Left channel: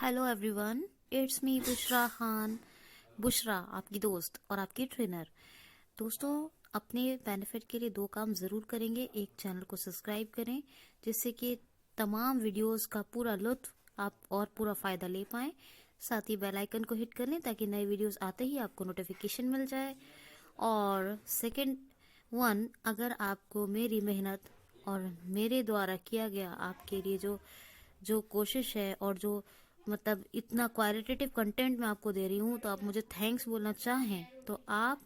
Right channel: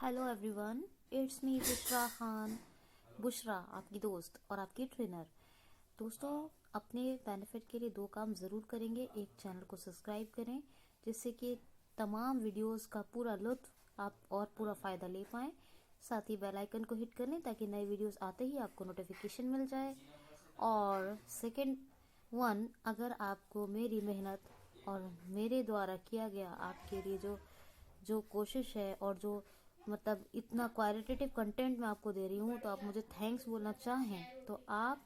Hello everyone, it's me Bushra Khan. Bushra आपकी दोस्त और आपकी ट्रेनर। दोस्तों, अपने बेनिफिट के लिए दो काम ज़रूर करेंगे। एक, चैनल को सब्सक्राइब करें जिससे कि तमाम वीडियोस का पूरा लुत्फ आप और पूरा फ़ायदा ले पाएँ। साथ ही बेल आइकन को हिट कर लें ताकि नए वीडियोस आते ही आपको नोटिफिकेशन मिल जाए। और सेकंड वन, अगर आपको मेरी मेहनत और मेरे द्वारा किया गया आपके लिए जो जो कोशिश है और जो मतलब इतना क्वालिटेटिव कंटेंट मैं आपको दे रही हूँ, तो आप मुझे थैंक्स बोलना चाहें तो आप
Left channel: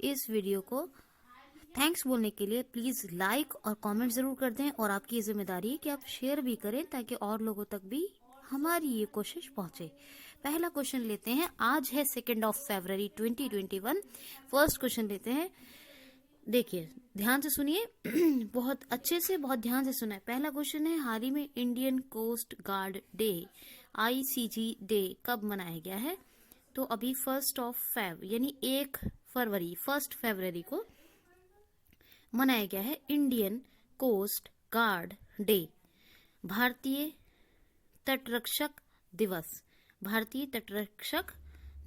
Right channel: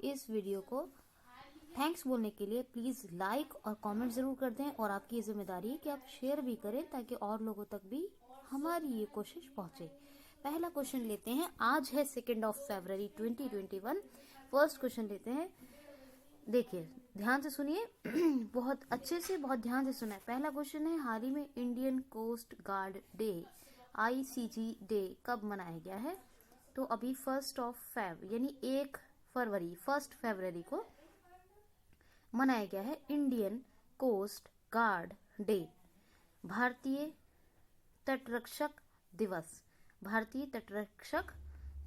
इस वीडियो को थैंक्स बोलने के लिए प्लीज लाइक और कमेंट जरूर कर दें। और आपकी ये जिम्मेदारी है कि आप शेयर भी करें ताकि और लोगों तक भी हमारी ये कोशिश पहुंचे। पहला क्वेश्चन लेते हैं। आज है 2 फरवरी 2021। फर्स्ट क्वेश्चन लेते हैं। देखिए, ध्यान से सुनिए बहुत अच्छे से, बहुत ध्यान से सुना है। पहला क्वेश्चन है, हाल ही में Indian coast guard day ICG day कब मनाया गया है? तो अभी 1 यानी 1 फरवरी को मनाया गया है इंडियन कोस्ट गार्ड डे, भारतीय तटरक्षक दिवस। भारतीय तटरक्षक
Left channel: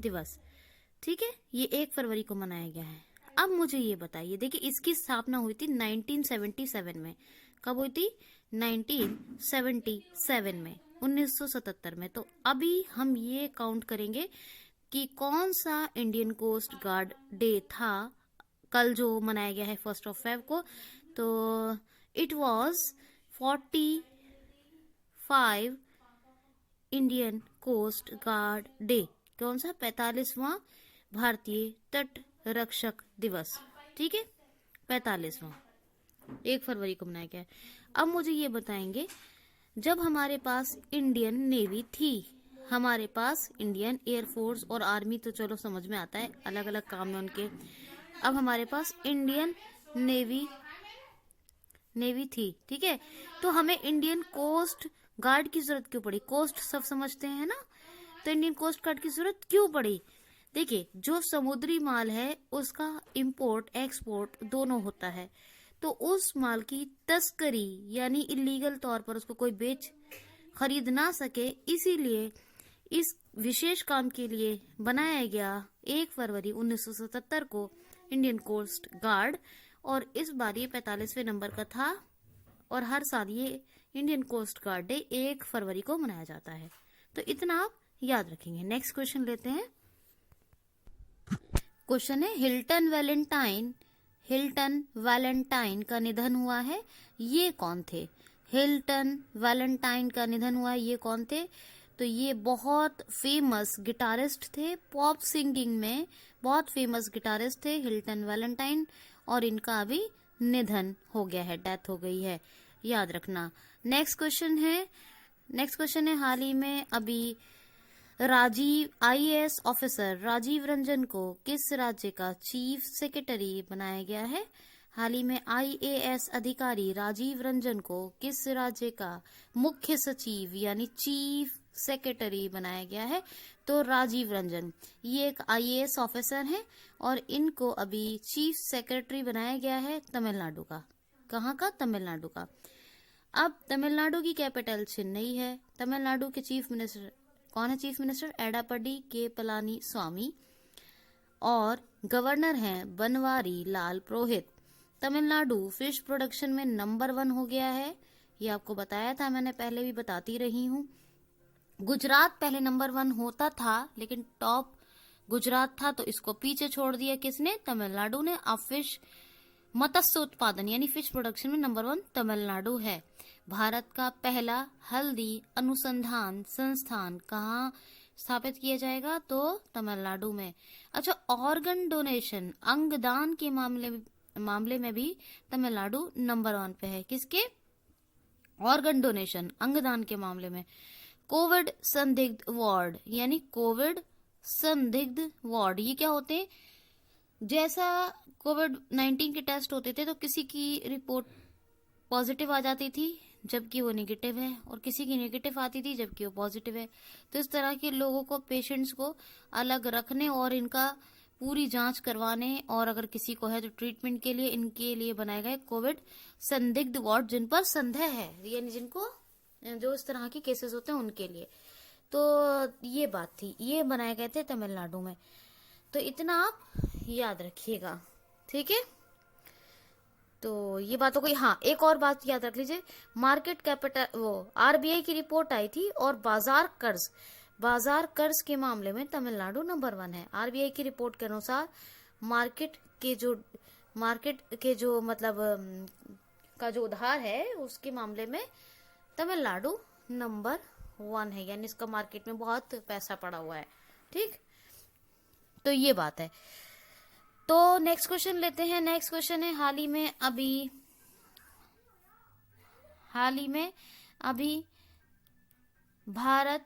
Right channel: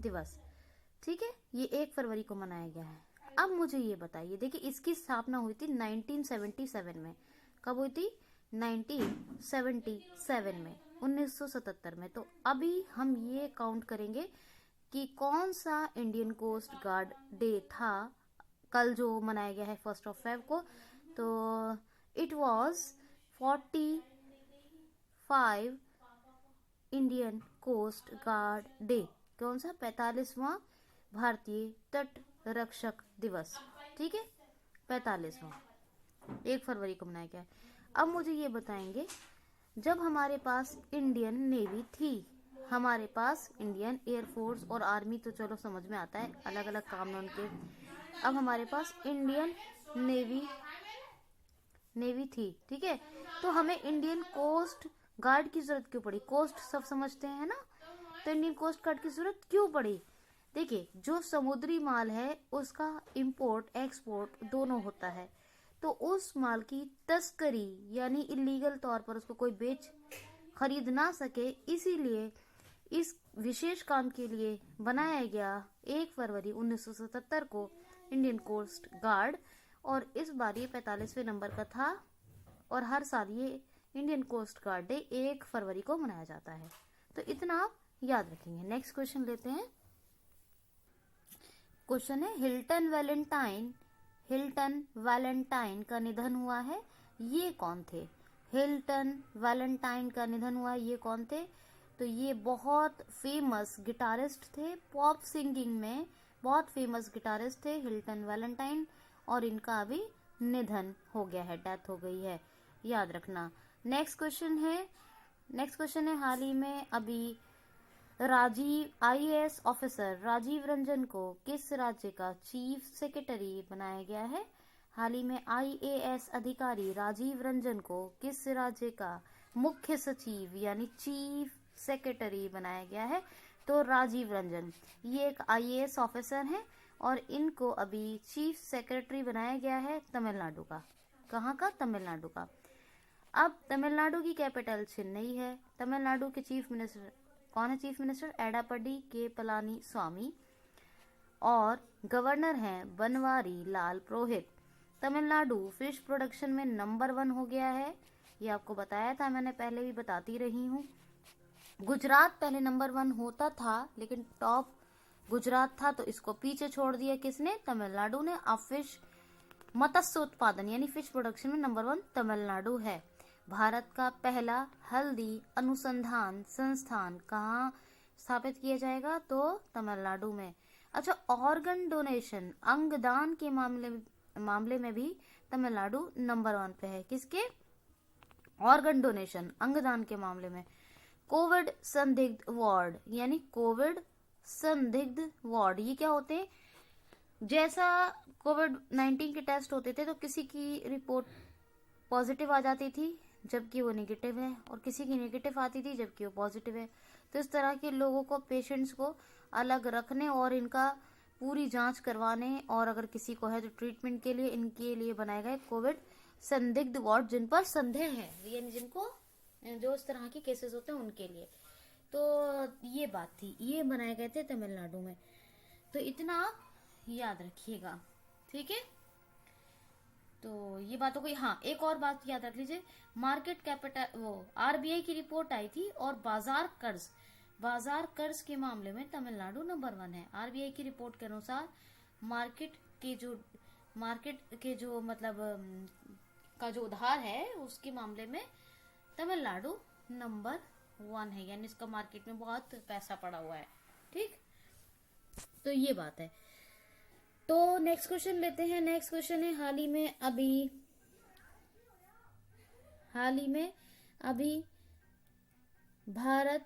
दिवस, ठीक है। ये 1 फरवरी को मनाया गया है। अब मुझे ये बताइए, देखिए इसकी स्थापना हुई थी 1977 में। कब हुई थी? 1977 में, 1977 में। तो अभी हम ये काउंट करेंगे कि कौन सा इंडियन कोस्ट गार्ड डे था कल जो मनाया गया है 1 को। तो it was 45 Indian coast guard day. कौन सा? 45वां भारतीय तट रक्षक दिवस, ठीक है, 45वां 1 फरवरी को मनाया गया है। अब मुझे ये बताएंगे, जब हमारे पास इंडियन नेवी थी, हमारे पास इंडियन एयरफोर्स और आर्मी तो चलो समझ में आता है, अलग अलग काम है उनके। अब हमारे पास इंडियन नेवी थी, ठीक है। तो हमें इंडियन कोस्ट गार्ड की जरूरत क्यों पड़ी? कोस्ट सब समझते हैं ना, तो इंडियन कोस्ट गार्ड की जरूरत क्यों पड़ी? देखिए, जो समुद्री माल है उसका इंपोर्ट एक्सपोर्ट दोनों होता है, तो उस माल की तस्करी यानी इलीगल तौर पर उसको कोई खरीद ना सके, इसीलिए इस विशेष काम के लिए बनाया गया 1 फरवरी 1977 को इंडियन कोस्ट गार्ड। और इस बार ये 45वें नंबर का था और हर साल ये इंडियन कोस्ट गार्ड डे 1 फरवरी को मनाया जाता है। तो इतना आप याद रखेंगे। नेक्स्ट क्वेश्चन लेते हैं। क्वेश्चन है, हिल्टन वैलेंटाइन का निधन हुआ है, ये कौन थे? हिल्टन वैलेंटाइन का निधन हुआ है, ये कौन थे? तो ये बहुत फेमस गिटारिस्ट थे, पॉप सिंगिंग में बहुत फेमस गिटारिस्ट थे हिल्टन वैलेंटाइन, और इनका अभी निधन हो गया है, डेथ हो गई है, याद रखना। नेक्स्ट क्वेश्चन है, हाल ही में अभी IAS ऑफिसर राजीव रंजन को किस राज्य का चीफ सेक्रेटरी बनाया गया है? हाल ही में IAS अधिकारी राजीव रंजन को किस राज्य का मुख्य सचिव यानी चीफ सेक्रेटरी बनाया गया है? तो राजीव रंजन, ये एक IAS ऑफिसर हैं और इनको अभी चीफ सेक्रेटरी बनाया गया है तमिलनाडु का। कहाँ का? तमिलनाडु का। अब तमिलनाडु की कैपिटल चेन्नई है। तमिलनाडु के चीफ मिनिस्टर कौन है? चीफ मिनिस्टर एडापडी के पलानी स्वामी, और गवर्नर हैं बनवारी लाल पुरोहित। तमिलनाडु फिश प्रोडक्शन में नंबर 1 हो गया है, ये आपको बताया था मैंने, पहले भी बताती रही हूँ। गुजरात पहले नंबर 1 होता था, लेकिन टॉप गुजरात था, तो इसको पीछे छोड़ दिया किसने? तमिलनाडु ने। अब फिश मत्स्य उत्पादन यानी फिश प्रोडक्शन में नंबर 1 तमिलनाडु है। भारत का पहला हल्दी अनुसंधान संस्थान कहाँ स्थापित किया जाएगा? तो तमिलनाडु में। अच्छा, ऑर्गन डोनेशन अंगदान के मामले में भी तमिलनाडु नंबर 1 पे है। किसके? ऑर्गन डोनेशन अंगदान के मामले में। कोविड संदिग्ध वार्ड यानी कोविड संदिग्ध वार्ड, ये क्या होते हैं? जैसा कोविड-19 के टेस्ट होते थे तो किसी की रिपोर्ट पॉजिटिव आ जाती थी जबकि वो नेगेटिव है, और किसी की नेगेटिव आती थी जबकि वो पॉजिटिव है। तो इस तरह के लोगों को, पेशेंट्स को अलग रखने और इनका पूरी जांच करवाने, और अगर किसी को है तो ट्रीटमेंट के लिए इनके लिए बनाया गया कोविड संदिग्ध वार्ड, जिन पर संदेह है यानी जिनको जो इस तरह की केसेस होते हैं उनके लिए। तो ये बात थी, ये बनाए गए थे तमिलनाडु में। तो इतना आप याद रखिएगा, ठीक है। तो ये बात हो गई। हाँ, एक और बात याद रख लीजिए, मार्केट कैपिटल, वो आरबीआई की रिपोर्ट आई थी, और बाजार कर्ज के मामले में तमिलनाडु नंबर 1 है। आरबीआई की रिपोर्ट के अनुसार मार्केट के जो मतलब का जो उधार है उसके मामले में तमिलनाडु नंबर 1 है, यानी इसका मार्केट में बहुत पैसा पड़ा हुआ है, ठीक। तो ये बात है। तो नेक्स्ट क्वेश्चन लेते हैं। नेक्स्ट क्वेश्चन है, हाल ही में अभी भारत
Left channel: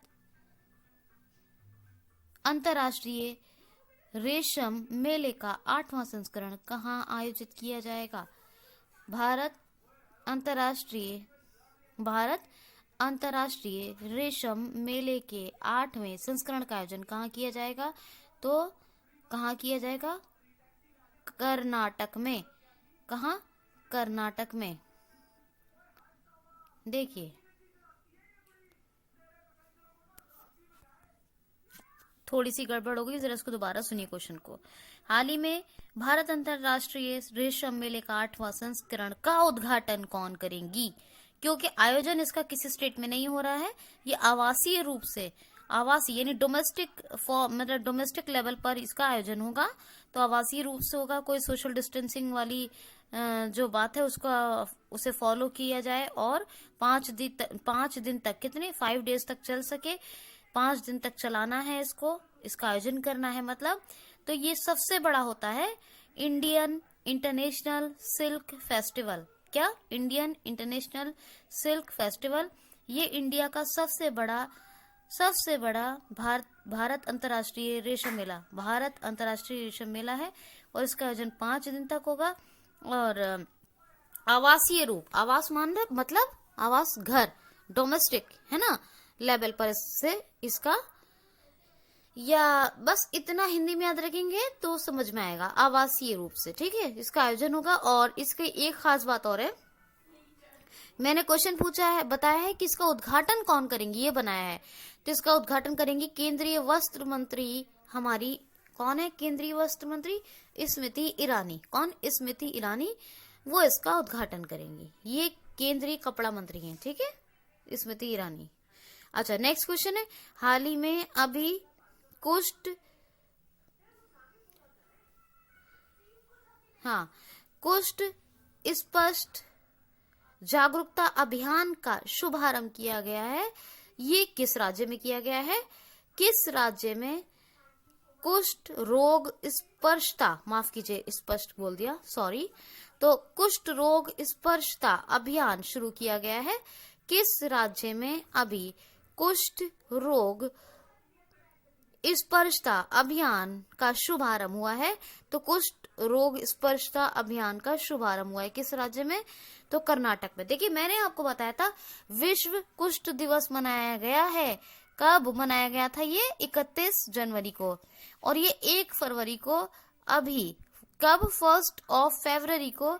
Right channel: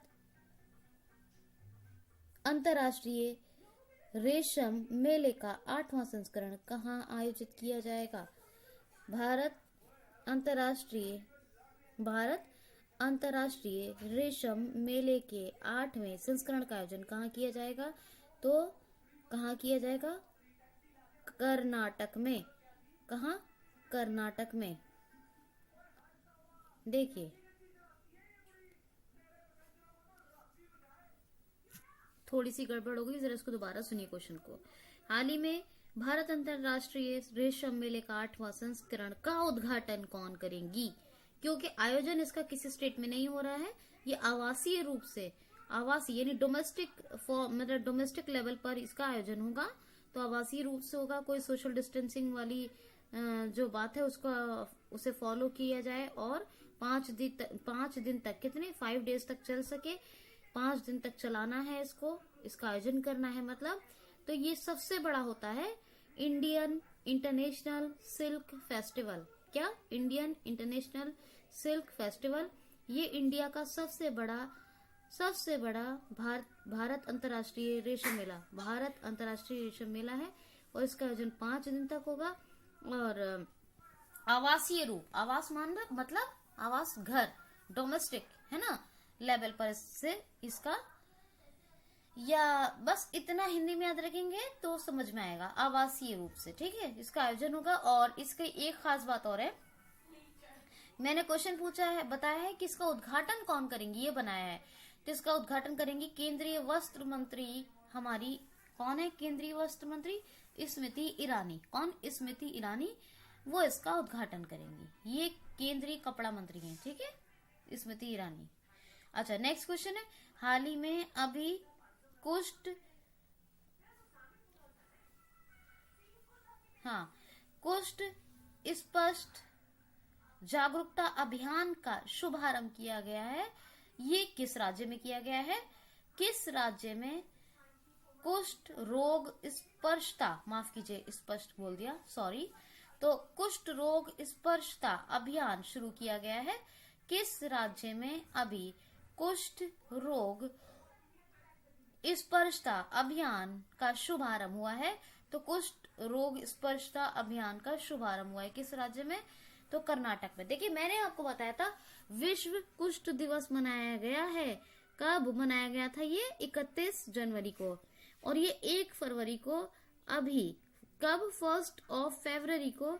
अंतर्राष्ट्रीय रेशम मेले का 8वां संस्करण कहाँ आयोजित किया जाएगा? भारत अंतर्राष्ट्रीय रेशम मेले के 8वें संस्करण का आयोजन कहाँ किया जाएगा? तो कहाँ किया जाएगा? कर्नाटक में। कहाँ? कर्नाटक में। देखिए, थोड़ी सी गड़बड़ हो गई, जरा इसको दोबारा सुनिए क्वेश्चन को। हाल ही में भारत अंतर्राष्ट्रीय रेशम मेले का 8वां संस्करण का उद्घाटन कौन करेंगी? क्योंकि आयोजन इसका किसी स्टेट में नहीं हो रहा है, ये आवासीय रूप से, आवासीय यानी मतलब डोमेस्टिक लेवल पर इसका आयोजन होगा। तो आवासीय रूप से होगा, कोई सोशल डिस्टेंसिंग वाली जो बात है उसे फॉलो किया जाए, और 5 दिन तक, कितने 5 डेज तक चल सके, 5 दिन तक चलाना है इसका आयोजन करना है मतलब। तो ये सबसे बड़ा होता है इंडियन इंटरनेशनल सिल्क फेस्टिवल। क्या? Indian international silk festival. ये इंडिया का सबसे बड़ा भारत अंतर्राष्ट्रीय रेशम मेला है, और इसका आयोजन 5 दिन तक होगा। और आवासीय रूप, आवास मतलब आवास घर, डोमेस्टिक है ना लेवल पर से इसका, या बस इतना हिंदी में याद रखेंगे तो समझ में आएगा, आवासीय रूप से, ठीक है, इसका आयोजन होगा। और इसके एक खास बात और है, मैंने क्वेश्चन पूछा है, बताया है कि इसका उद्घाटन कौन करेंगी, ये बनाया है। तो इसका उद्घाटन करेंगी केंद्रीय वस्त्र मंत्री, हमारी कौन है केंद्रीय वस्त्र मंत्री? स्मृति ईरानी। कौन? स्मृति ईरानी, वो इसका उद्घाटन करेंगी। ये केंद्रीय कपड़ा मंत्री हैं, ठीक है, स्मृति ईरानी। अच्छा, नेक्स्ट क्वेश्चन है, हाल ही में अभी कुष्ठ स्पष्ट जागरूकता अभियान का शुभारंभ किया गया है। ये किस राज्य में किया गया है? किस राज्य में कुष्ठ रोग स्पर्शता, माफ कीजिए स्पष्ट बोल दिया, सॉरी। तो कुष्ठ रोग स्पर्शता अभियान शुरू किया गया है। किस राज्य में अभी कुष्ठ रोग स्पर्शता अभियान का शुभारंभ हुआ है? तो कुष्ठ रोग स्पर्शता अभियान का शुभारंभ हुआ है किस राज्य में? तो कर्नाटक में। देखिए, मैंने आपको बताया था विश्व कुष्ठ दिवस मनाया गया है। कब मनाया गया था? ये 31 जनवरी को, और ये 1 फरवरी को, अभी कब 1 फरवरी को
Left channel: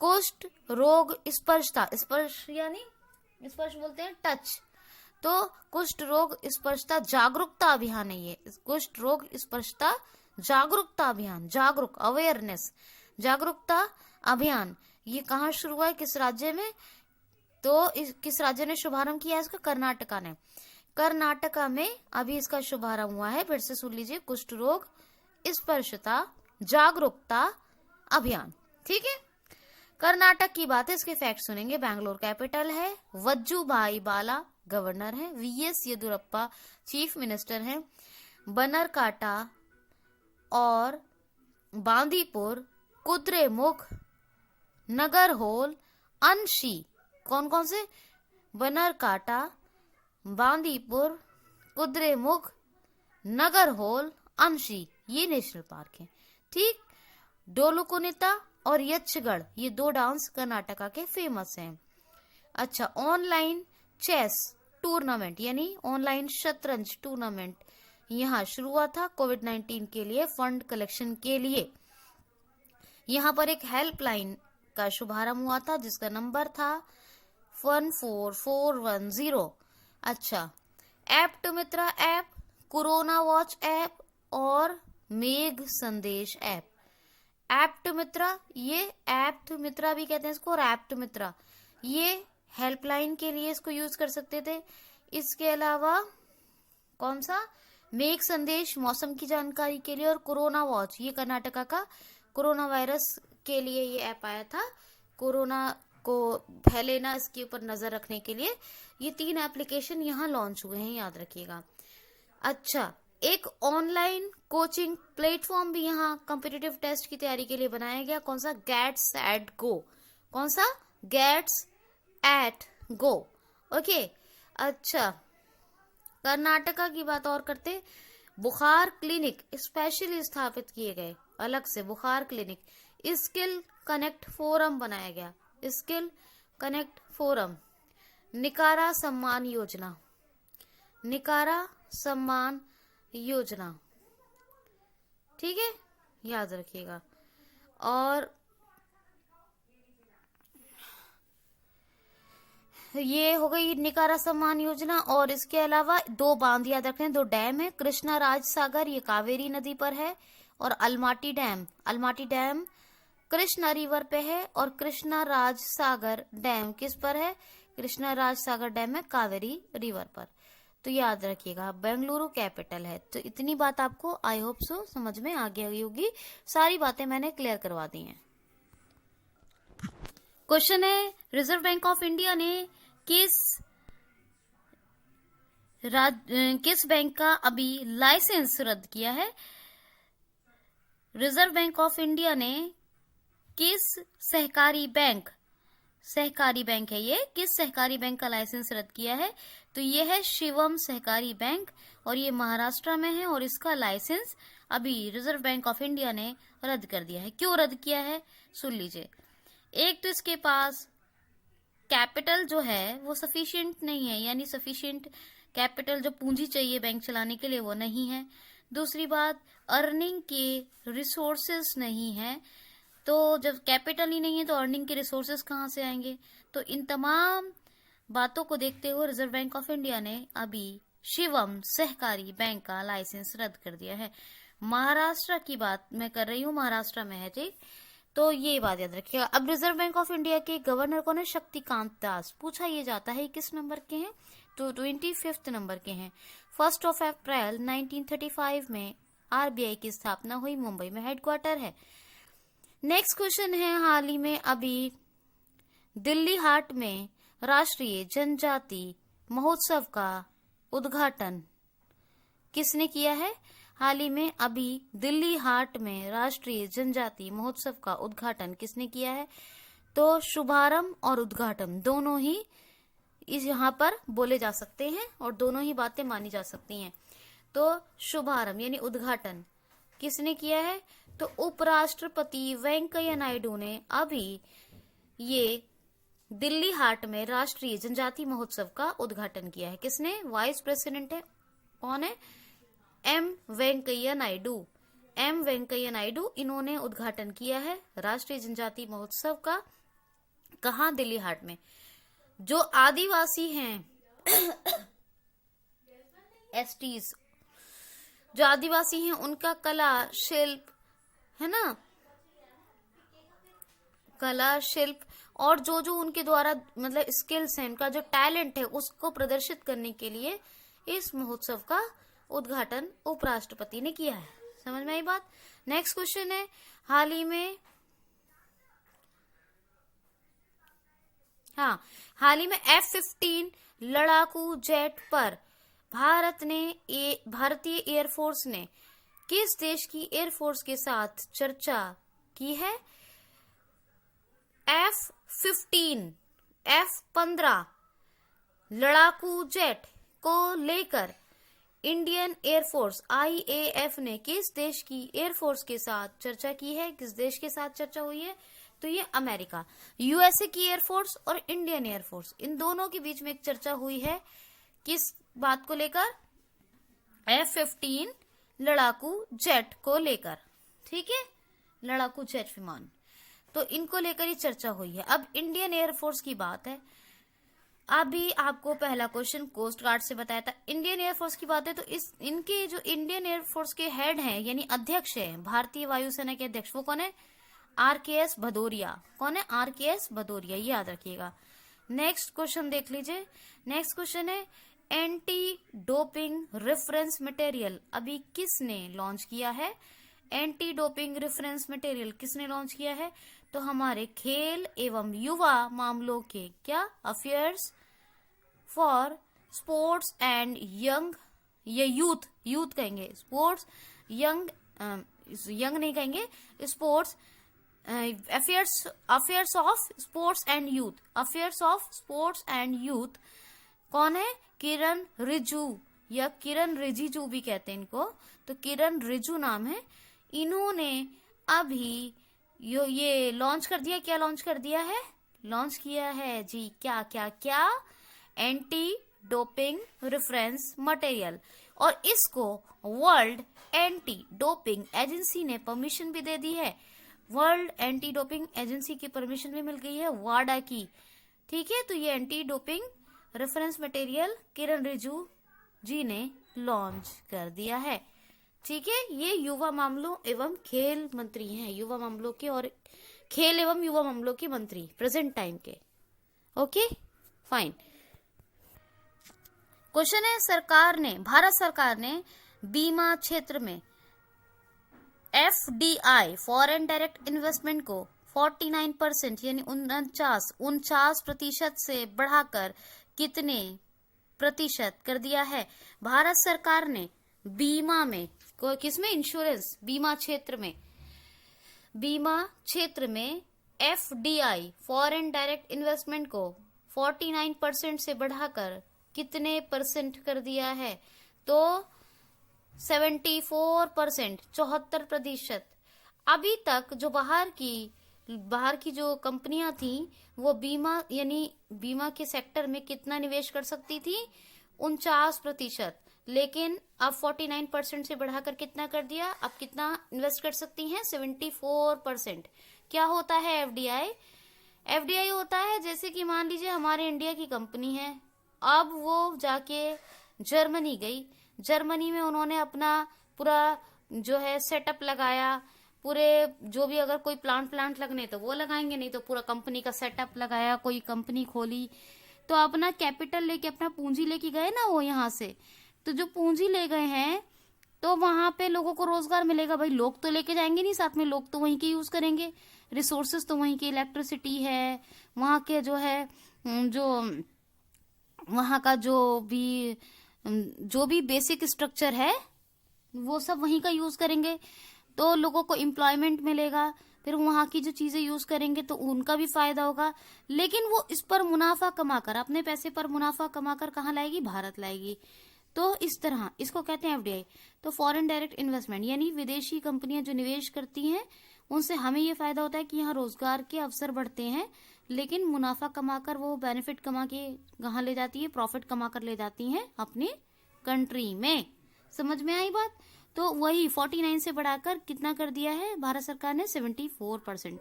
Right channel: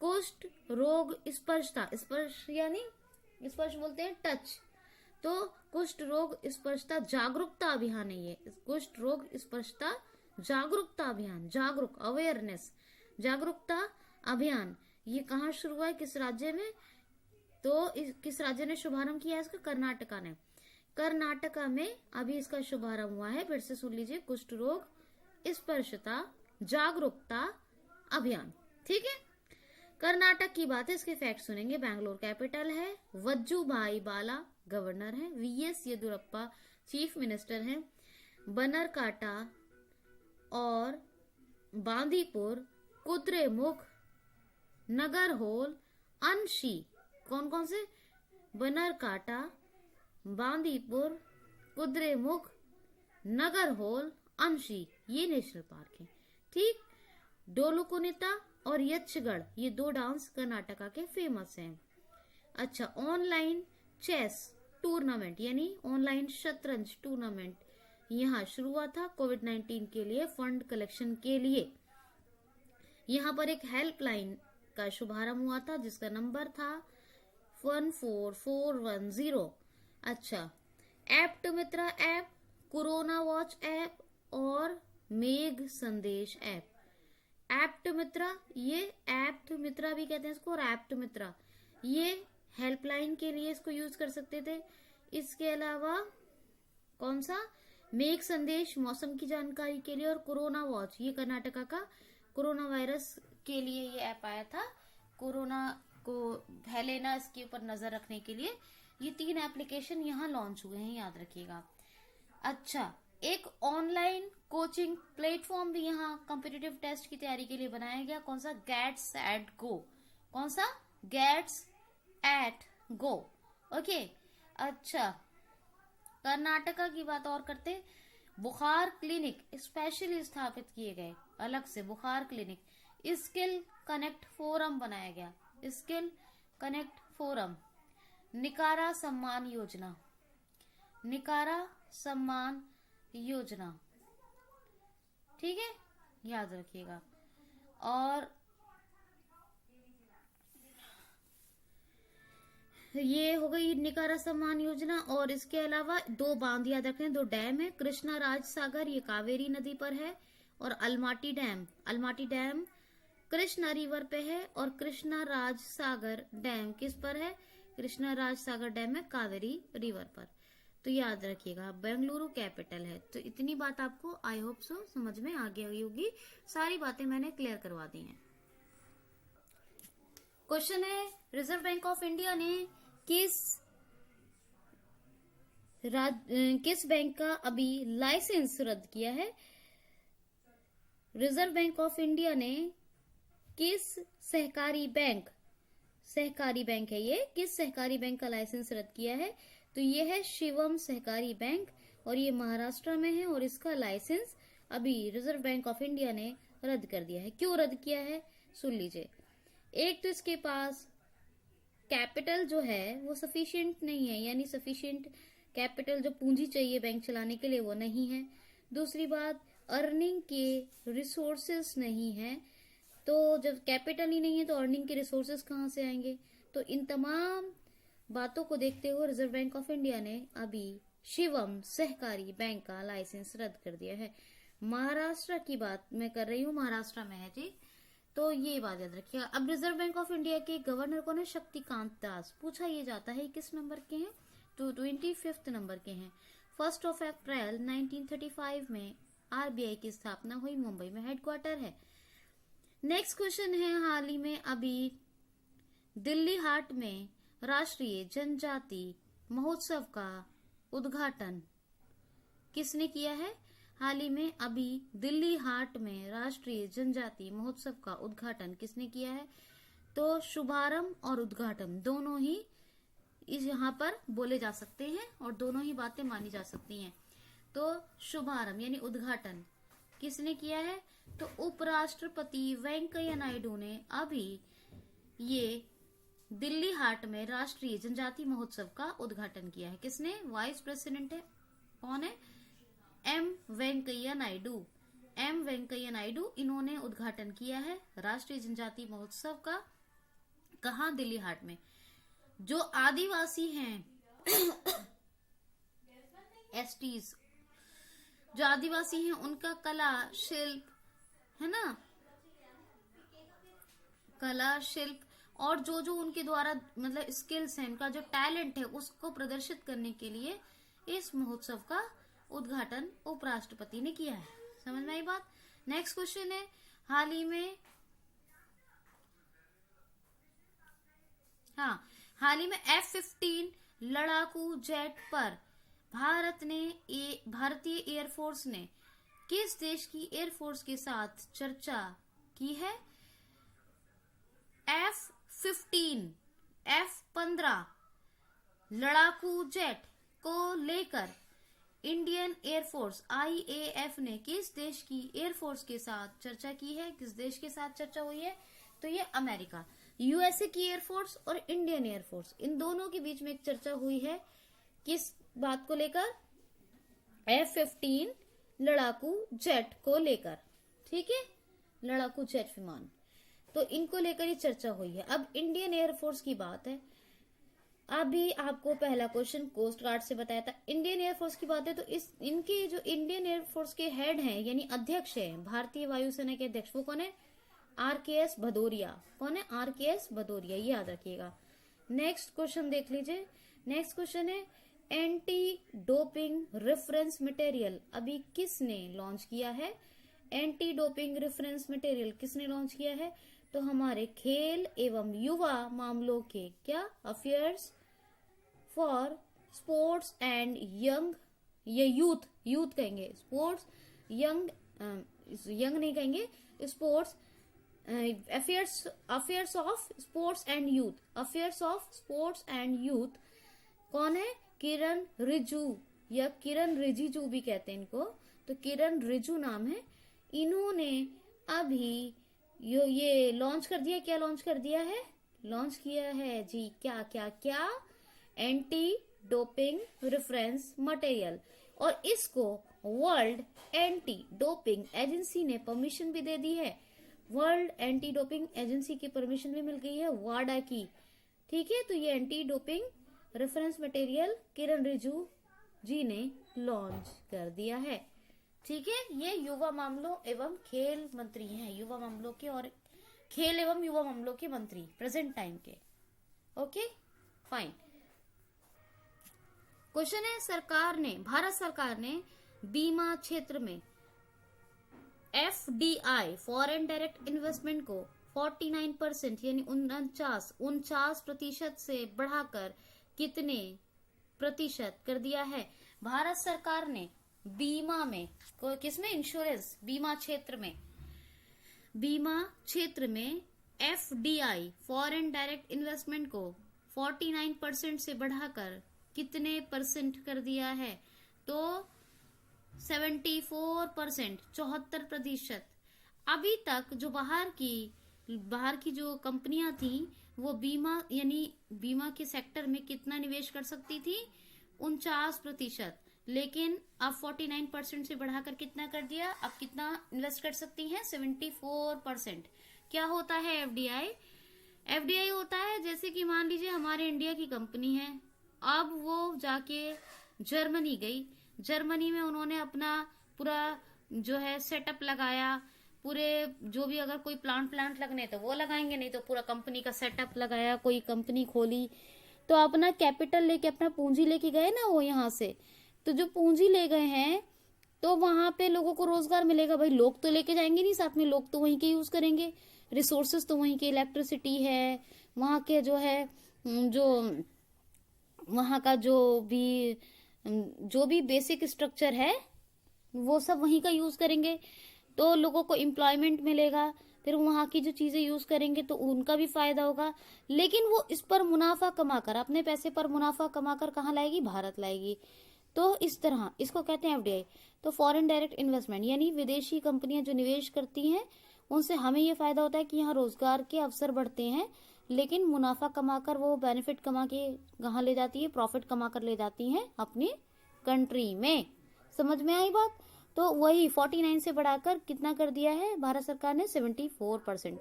कुष्ठ रोग स्पर्शता, स्पर्श यानी स्पर्श बोलते हैं टच, तो कुष्ठ रोग स्पर्शता जागरूकता अभियान है ये। कुष्ठ रोग स्पर्शता जागरूकता अभियान, अवेयरनेस जागरूकता अभियान, ये कहाँ शुरू हुआ है, किस राज्य में? तो किस राज्य ने शुभारंभ किया है इसका? कर्नाटका ने। कर्नाटका में अभी इसका शुभारंभ हुआ है। फिर से सुन लीजिए, कुष्ठ रोग स्पर्शता जागरूकता अभियान, ठीक है। कर्नाटक की बात है, इसके फैक्ट सुनेंगे। बैंगलोर कैपिटल है, वज्जूभाई बाला गवर्नर है, वीएस येदियुरप्पा चीफ मिनिस्टर है, बनरकाटा और बांदीपुर, कुद्रेमुख, नगरहोल, अंशी, कौन कौन से? बनरकाटा, बांदीपुर, कुद्रेमुख, नगरहोल, अंशी, ये नेशनल पार्क है, ठीक। डोलुकुनिता और यक्षगढ़, ये 2 डांस कर्नाटका के फेमस हैं। अच्छा, ऑनलाइन चेस टूर्नामेंट यानी ऑनलाइन शतरंज टूर्नामेंट यहाँ शुरू हुआ था कोविड-19 के लिए फंड कलेक्शन के लिए। यहाँ पर एक हेल्पलाइन का शुभारंभ हुआ था जिसका नंबर था 14410। अच्छा, एप्ट मित्रा ऐप, कोरोना वॉच ऐप और मेघ संदेश ऐप। एप्ट मित्रा, ये एप्ट मित्रा भी कहते हैं इसको, और एप्ट मित्रा ये हेल्पलाइन के लिए इसको यूज कर सकते थे। इसके अलावा कौन सा, मेघ संदेश मौसम की जानकारी के लिए, और कोरोना वॉच ये कर्नाटका का कोरोना वायरस के लिए ये ऐप आया था, कोरोना को फैले ना इसके ऊपर नजर रखने के लिए। ये 3 एप्लीकेशन यहाँ लॉन्च हुए हैं, याद रखिएगा। अच्छा, एक ऑनलाइन कोचिंग प्लेटफॉर्म भी यहाँ कॉम्पिटिटिव टेस्ट की तैयारी के लिए बनाया गया। कौन सा, गेट्स एट गो। कौन सा, गेट्स एट गो। ओके। अच्छा, कर्नाटका की बात और करते, बुखार क्लिनिक स्पेशली स्थापित किए गए, अलग से बुखार क्लिनिक। स्किल कनेक्ट फोरम बनाया गया, skill connect forum. निकारा Samman Yojana, निकारा Samman Yojana, ठीक है, याद रखिएगा। और ये हो गई निकारा सम्मान योजना। और इसके अलावा 2 बांध याद रखें, 2 डैम है, कृष्णा राज सागर ये कावेरी नदी पर है, और Almaty dam, Almaty dam Krishna river पे है, और कृष्णा राज सागर डैम किस पर है, कृष्णा राज सागर डैम है कावेरी रिवर पर। तो याद रखिएगा, बेंगलुरु कैपिटल है। तो इतनी बात आपको आई होप सो समझ में आ गई होगी, सारी बातें मैंने क्लियर करवा दी हैं। क्वेश्चन है, रिजर्व बैंक ऑफ इंडिया ने किस बैंक का अभी लाइसेंस रद्द किया है। रिजर्व बैंक ऑफ इंडिया ने किस सहकारी बैंक है ये, किस सहकारी बैंक का लाइसेंस रद्द किया है। तो ये है शिवम सहकारी बैंक, और ये महाराष्ट्र में है, और इसका लाइसेंस अभी रिजर्व बैंक ऑफ इंडिया ने रद्द कर दिया है। क्यों रद्द किया है, सुन लीजिए। एक तो इसके पास कैपिटल जो है वो सफिशिएंट नहीं है, यानी सफिशिएंट कैपिटल जो पूंजी चाहिए बैंक चलाने के लिए वो नहीं है। दूसरी बात, अर्निंग के रिसोर्सेस नहीं है। तो जब कैपिटल ही नहीं है तो अर्निंग के रिसोर्सेस कहाँ से आएंगे। तो इन तमाम बातों को देखते हुए रिजर्व बैंक ऑफ इंडिया ने अभी शिवम सहकारी बैंक का लाइसेंस रद्द कर दिया है। महाराष्ट्र की बात मैं कर रही हूँ, महाराष्ट्र में है, ठीक। तो ये बात याद रखिएगा। अब रिजर्व बैंक ऑफ इंडिया के गवर्नर कौन है, शक्तिकांत दास। पूछा ये जाता है किस नंबर के हैं, तो 25 नंबर के हैं। 1 अप्रैल 1935 में आरबीआई की स्थापना हुई, मुंबई में हेडक्वार्टर है। नेक्स्ट क्वेश्चन है, हाल ही में अभी दिल्ली हाट में राष्ट्रीय जनजाति महोत्सव का उद्घाटन किसने किया है। हाल ही में अभी दिल्ली हाट में राष्ट्रीय जनजाति महोत्सव का उद्घाटन किसने किया है। तो शुभारंभ और उद्घाटन दोनों ही इस यहाँ पर बोले जा सकते हैं, और दोनों ही बातें मानी जा सकती हैं। तो शुभारंभ यानी उद्घाटन किसने किया है, तो उपराष्ट्रपति वेंकैया नायडू ने अभी ये दिल्ली हाट में राष्ट्रीय जनजाति महोत्सव का उद्घाटन किया है। किसने, वाइस प्रेसिडेंट है, कौन है, एम वेंकैया नायडू। एम वेंकैया नायडू, इन्होंने उद्घाटन किया है राष्ट्रीय जनजाति महोत्सव का। कहाँ, दिल्ली हाट में। जो आदिवासी हैं एसटीज, जो आदिवासी हैं उनका कला शिल्प है ना, कला शिल्प और जो जो उनके द्वारा मतलब स्किल्स हैं, उनका जो टैलेंट है उसको प्रदर्शित करने के लिए इस महोत्सव का उद्घाटन उपराष्ट्रपति ने किया है। समझ में आई बात। नेक्स्ट क्वेश्चन है, हाल ही में F-15 लड़ाकू जेट पर भारतीय एयरफोर्स ने किस देश की एयरफोर्स के साथ चर्चा की है। F-15 लड़ाकू जेट को लेकर इंडियन एयरफोर्स IAF ने किस देश की एयरफोर्स के साथ चर्चा की है, किस देश के साथ चर्चा हुई है, तो ये अमेरिका, यूएसए की एयरफोर्स और इंडियन एयरफोर्स, इन दोनों के बीच में एक चर्चा हुई है। किस बात को लेकर, F-15 लड़ाकू जेट को लेकर, ठीक है, लड़ाकू जेट विमान, तो इनको लेकर ही चर्चा हुई है। अब इंडियन एयरफोर्स की बात है, अभी आपको पहला क्वेश्चन कोस्ट गार्ड से बताया था। इंडियन एयरफोर्स की बात है तो इनके जो इंडियन एयरफोर्स के हेड हैं यानी अध्यक्ष हैं, भारतीय वायुसेना के अध्यक्ष, वो कौन है? RKS भदौरिया। कौन है? RKS भदौरिया, ये याद रखिएगा। नेक्स्ट क्वेश्चन देख लीजिए। नेक्स्ट क्वेश्चन है एंटी डोपिंग रेफरेंस मटेरियल अभी किसने लॉन्च किया है? एंटी डोपिंग रेफरेंस मटेरियल किसने लॉन्च किया है? तो हमारे खेल एवं युवा मामलों के क्या affairs for sports and young, ये यूथ कहेंगे, स्पोर्ट्स यंग, यंग नहीं कहेंगे, sports affairs of sports and youth, affairs of sports and youth. कौन है? किरण रिजू या किरण रिजिजू भी कहते हैं इनको, तो किरण रिजू नाम है। इन्होंने अभी ये लॉन्च कर दिया। क्या लॉन्च कर दिया है? लॉन्च किया है जी क्या क्या क्या? एंटी डोपिंग रेफरेंस मटेरियल, और इसको वर्ल्ड एंटी डोपिंग एजेंसी ने परमिशन भी दे दी है। वर्ल्ड एंटी डोपिंग एजेंसी की परमिशन भी मिल गई है, वाडा की। ठीक है, तो ये एंटी डोपिंग रेफरेंस मटेरियल किरण रिजिजू जी ने लॉन्च कर दिया है। ठीक है, ये युवा मामलों एवं खेल मंत्री हैं, युवा मामलों के और खेल एवं युवा मामलों के मंत्री प्रेजेंट टाइम के। Okay fine. क्वेश्चन है भारत सरकार ने बीमा क्षेत्र में FDI फॉरेन डायरेक्ट इन्वेस्टमेंट को 49% यानी 49% से बढ़ाकर कितने प्रतिशत कर दिया है? भारत सरकार ने बीमा में, किसमें? इंश्योरेंस बीमा क्षेत्र में FDI फॉरेन डायरेक्ट इन्वेस्टमेंट को 49% से बढ़ाकर कितने परसेंट कर दिया है? तो 74%, 74%। अभी तक जो बाहर की जो कंपनियां थी वो बीमा यानी बीमा के सेक्टर में कितना निवेश कर सकती थी? 49%, लेकिन अब 49% से बढ़ाकर कितना कर दिया? अब कितना इन्वेस्ट कर सकती हैं? 74%। क्या होता है FDI? FDI होता है जैसे कि मान लीजिए हमारे इंडिया की कंपनी है, अब वो जाके जर्मनी गई, जर्मनी में उन्होंने अपना पूरा जो है सेटअप लगाया, पूरे जो भी अगर कोई प्लांट लगने तो वो लगाएंगे, नहीं तो पूरा कंपनी का सेटअप लगाया, कोई कंपनी खोली, तो अपना कैपिटल लेके अपना पूंजी लेके गए ना वो यहाँ से, तो जो पूंजी ले गए हैं तो वहां पे लोगों को रोजगार मिलेगा। भाई लोग तो लेके जाएंगे नहीं साथ में, लोग तो वहीं के यूज करेंगे, रिसोर्सेज तो वहीं के, इलेक्ट्रिसिटी है वहां के, जो है जो वहां का जो भी बेसिक स्ट्रक्चर है वो सब वहीं का यूज करेंगे, तो लोगों को एम्प्लॉयमेंट मिलेगा, फिर वहां की जो चीजें यूज करेंगे तो उनका भी फायदा होगा। लेकिन वो इस पर मुनाफा कमाकर, अपने पैसे पर मुनाफा कमाकर कहाँ लाएगी? भारत लाएगी। तो इस तरह इसको कहते हैं FDI। तो फॉरेन डायरेक्ट इन्वेस्टमेंट यानी विदेशी कंपनियां जो निवेश करती हैं उनसे हमें ये फायदा होता है कि यहाँ रोजगार के अवसर बढ़ते हैं, लेकिन मुनाफा कमाकर वो बेनिफिट कमा के कहाँ ले जाती है? प्रॉफिट कमाकर ले जाती हैं अपनी कंट्री में। समझ में आई बात? तो वही 49 से बढ़ाकर कितना कर दिया है भारत सरकार ने? 74%।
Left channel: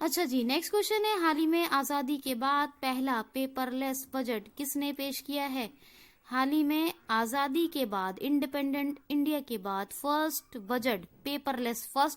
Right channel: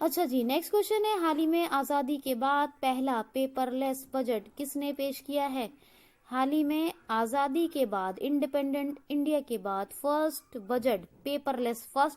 अच्छा जी, नेक्स्ट क्वेश्चन है हाल ही में आजादी के बाद पहला पेपरलेस बजट किसने पेश किया है? हाल ही में आजादी के बाद, इंडिपेंडेंट इंडिया के बाद फर्स्ट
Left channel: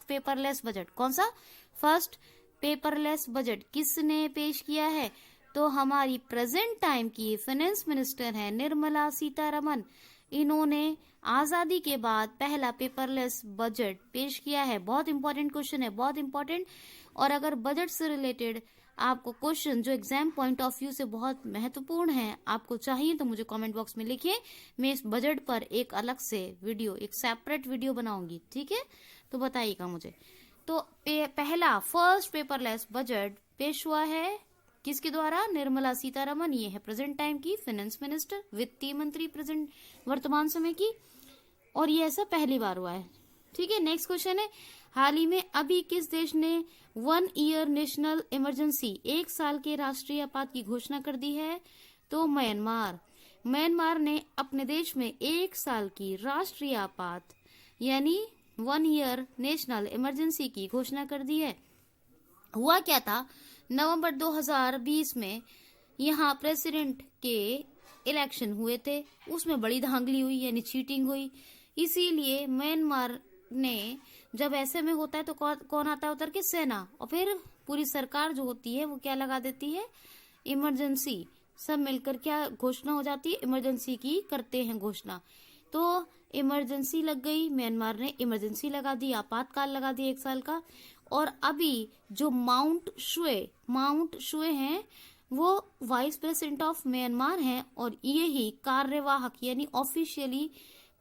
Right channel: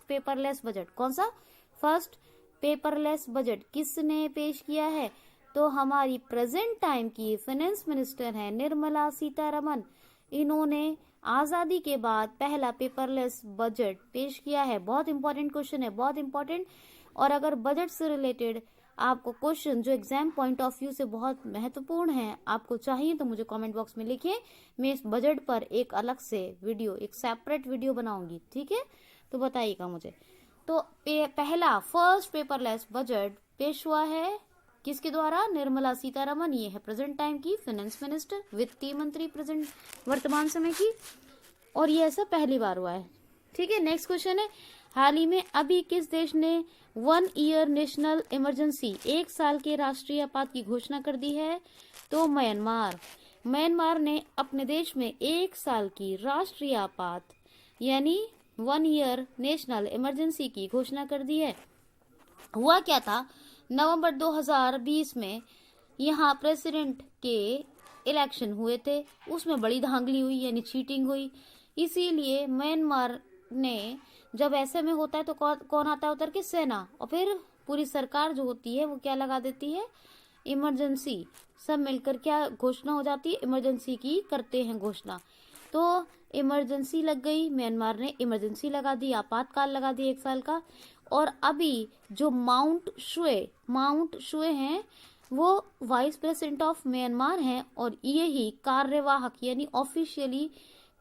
पेपरलेस बजट कौन सा? फर्स्ट पेपरलेस बजट किसने पेश किया है? तो हमारी प्रेजेंट टाइम की फाइनेंस मिनिस्टर है निर्मला सीतारमन। इन्होंने आजादी के बाद पहला पेपरलेस बजट पेश किया है। बहुत इंपॉर्टेंट क्वेश्चन है, बहुत इंपॉर्टेंट। और अगर बजट से रिलेटेड आपको क्वेश्चन जो एग्जाम पॉइंट ऑफ व्यू से बहुत महत्वपूर्ण है आपको चाहिए तो मुझे कमेंट बॉक्स में लिखिए, मैं इस बजट पर एक अलग से वीडियो, एक सेपरेट वीडियो बनाऊंगी। ठीक है, तो बताइएगा मुझे। तो पहला फर्स्ट पेपरलेस बजट पेश हुआ है किसके द्वारा? निर्मला सीतारमन। ये है प्रेजेंट टाइम की फाइनेंस मिनिस्टर, वित्तीय मंत्री प्रेजेंट वर्तमान समय की, और ये ऐसा पहली बार हुआ है। ठीक है, नेक्स्ट क्वेश्चन है हाल ही में अभी किस देश ने 1 ईयर नेशनल इमरजेंसी, 1 साल के राष्ट्रीय आपात की घोषणा कर दी है? तो म्यांमार ने अपने देश में 1 साल की राष्ट्रीय आपात यानी 1 ईयर नेशनल इमरजेंसी की घोषणा कर दी है। हुआ क्या था? नवंबर 2020 में यहाँ प्रेसिडेंट के इलेक्शन हुए थे, उसमें बड़ी धांधली हुई यानी चीटिंग हुई। इसीलिए म्यांमार ने, जब ऐसे में होता है तो कौन आता है उतर के? सेना। और फिर पूरी सरकार जो होती है वो क्या लगा देती है? इमरजेंसी। सब मिलकर क्या घोषणा हो जाती है? इमरजेंसी की करते हैं घोषणा। तो इमरजेंसी लग गई, म्यांमार ने इमरजेंसी लगा दी, आपातकाल लगा दिया 1 साल का। और अभी जो माउंट शुए हैं वो वाइस प्रेसिडेंट ऑफ म्यांमार हैं और ये ही कार्यवाहक यानी ऑफिशियली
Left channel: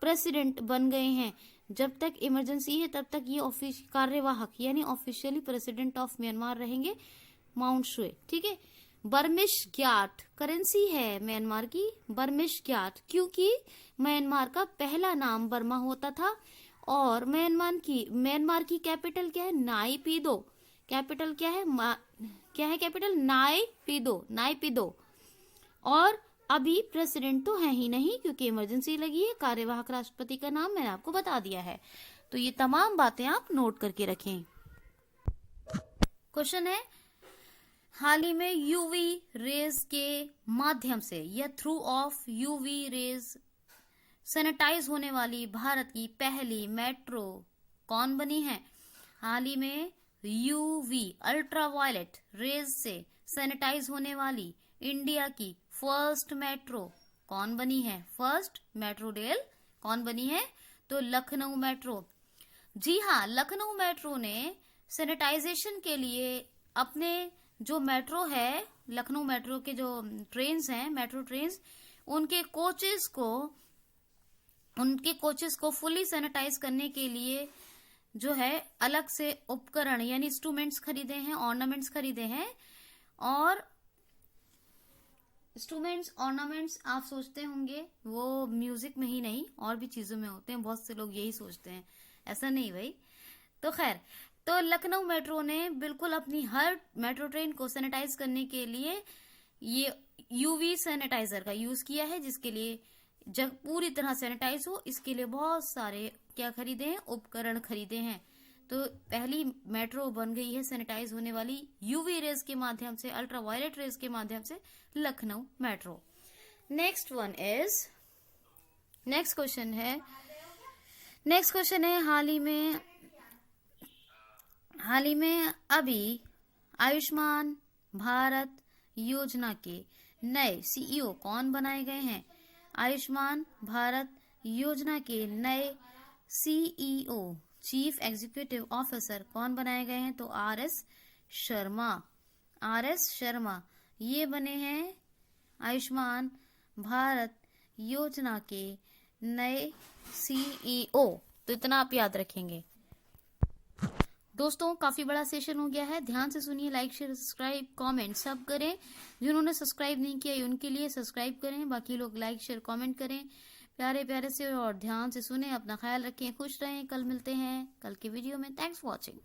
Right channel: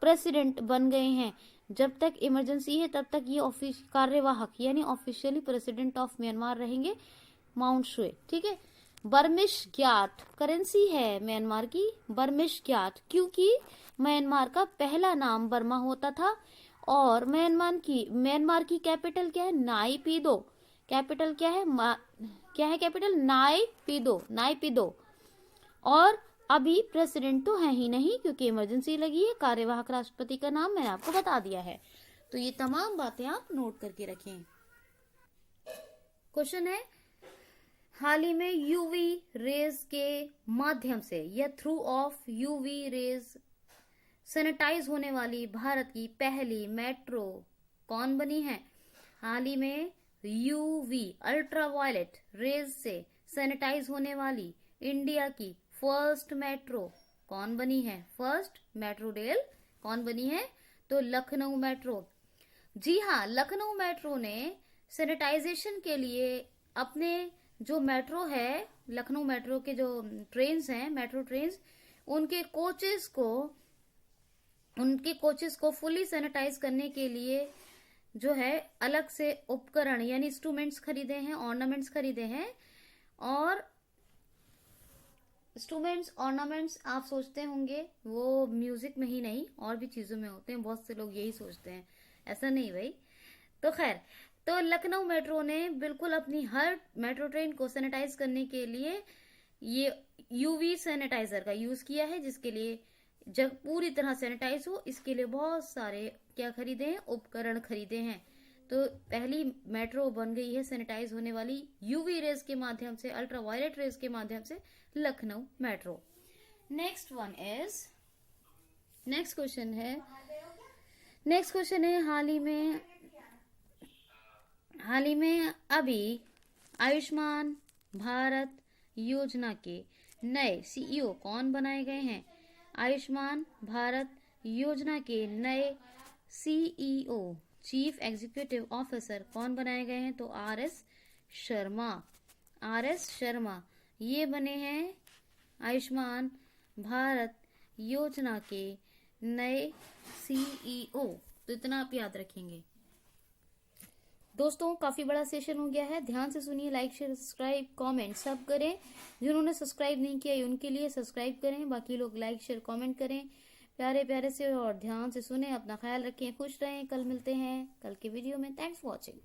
प्रेसिडेंट बन गए हैं। जब तक इमरजेंसी है तब तक ये कार्यवाहक यानी ऑफिशियली प्रेसिडेंट ऑफ म्यांमार रहेंगे, माउंट शुए। ठीक है। बर्मिश ग्याट करेंसी है म्यांमार की, बर्मिश ग्याट, क्योंकि म्यांमार का पहला नाम बर्मा होता था। और म्यांमार की कैपिटल क्या है? नाइपीदो। कैपिटल क्या है? कैपिटल? नाइपीदो। और अभी प्रेसिडेंट तो है ही नहीं क्योंकि इमरजेंसी लगी है। कार्यवाहक राष्ट्रपति का नाम मैंने आपको बता दिया है। तो ये तमाम बातें आप नोट करके रखें। क्वेश्चन है, हाल ही में यूवी रेज के माध्यम से या through of UV rays sanitise होने वाली भारत की पहली मेट्रो कौन बनी है? हाल ही में यूवी अल्ट्रावायलेट रेज से सैनिटाइज होने वाली इंडिया की फर्स्ट मेट्रो कौन बनी है? फर्स्ट मेट्रो रेल कौन बनी है? तो लखनऊ मेट्रो। जी हाँ, लखनऊ मेट्रो ने सैनिटाइजेशन के लिए अपने जो मेट्रो है, लखनऊ मेट्रो के जो ट्रेन्स हैं, मेट्रो ट्रेन्स, उनके कोचेस को फुली सैनिटाइज करने के लिए जो है अलग से उपकरण यानी इंस्ट्रूमेंट्स खरीदे हैं, ऑर्नामेंट्स खरीदे हैं। और इंस्ट्रूमेंट्स ऑर्नामेंट्स आप सोचते होंगे वो म्यूजिक में ही नहीं और भी चीजों में होते हैं, बहुत से लोग यही सोचते हैं, ऐसा नहीं भाई। तो खैर, तो लखनऊ मेट्रो ने बिल्कुल अपनी हर मेट्रो ट्रेन को सैनिटाइज करने के लिए ये यूवी सैनिटाइजर का यूज किया है, जिसके लिए जब पूरी तरह सैनिटाइज हो इसके लिए बहुत सारे क्या खरीदे हैं? उपकरण खरीदे हैं। तो पहली मेट्रो बन गई है सैनिटाइज होने वाली यूवी रेज के माध्यम से, अल्ट्रावायलेट रेज के माध्यम से, लखनऊ मेट्रो। नेक्स्ट क्वेश्चन है, हाल ही में अभी आयुष्मान भारत योजना के नए सीईओ कौन बनाए गए हैं? आयुष्मान भारत योजना के नए सीईओ, चीफ एग्जीक्यूटिव ऑफिसर कौन बनाए गए हैं? तो आर.एस. शर्मा ये बने हैं आयुष्मान भारत योजना के नए सीईओ। तो इतना आप याद रखेंगे। दोस्तों, काफी बड़ा सेशन हो गया है, ध्यान से सुनिए, लाइक शेयर सब्सक्राइब कमेंट सब करें। जिन्होंने सब्सक्राइब नहीं किया उनके लिए सब्सक्राइब करें, बाकी लोग लाइक शेयर कमेंट करें प्यारे प्यारे से, और ध्यान से सुने। अपना ख्याल रखें, खुश रहें। कल मिलते हैं कल के वीडियो में। Thanks for watching.